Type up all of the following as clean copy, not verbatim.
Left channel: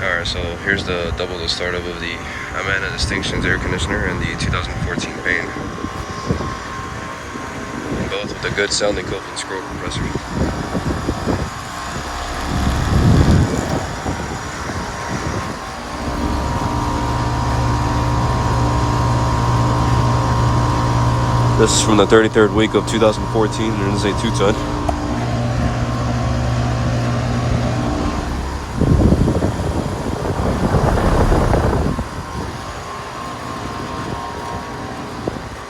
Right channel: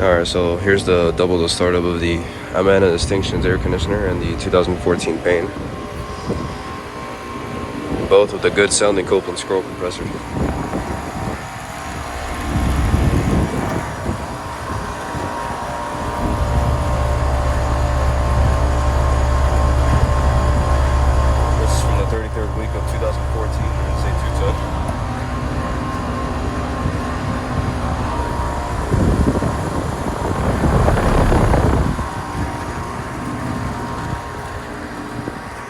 Alright, so here's the double the startup of the Amana Distinctions air conditioner and the 2014 Payne. Both with the good sounding Copeland scroll compressor. This is from the 33rd week of 2014, and it is a 2-ton.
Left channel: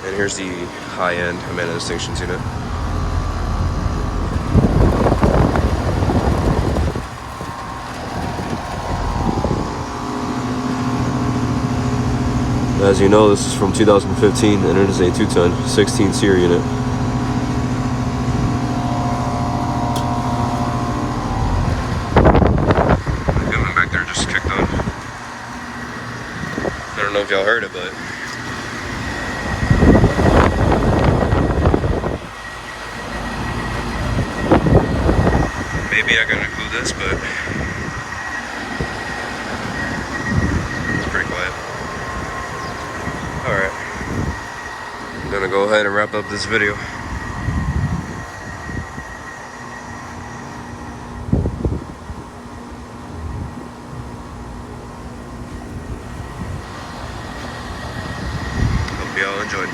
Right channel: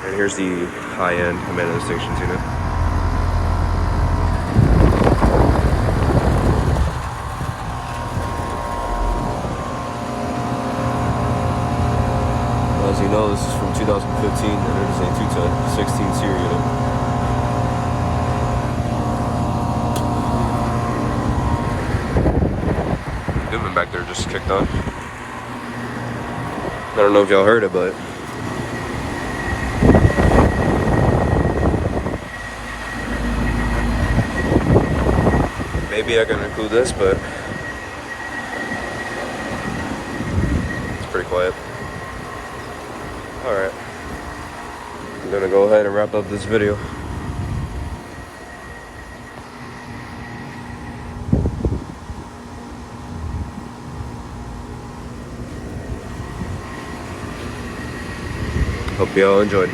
And here's the high-end Amana Distinctions unit. As you know, this is from 2015, and it is a 2-ton, 16 SEER unit. The Goodman back there just kicked on. I don't know if y'all heard it, but maybe I can include this, but it's pretty quiet. Alright, I'm gonna go ahead and wrap up this video. Hope you all enjoyed.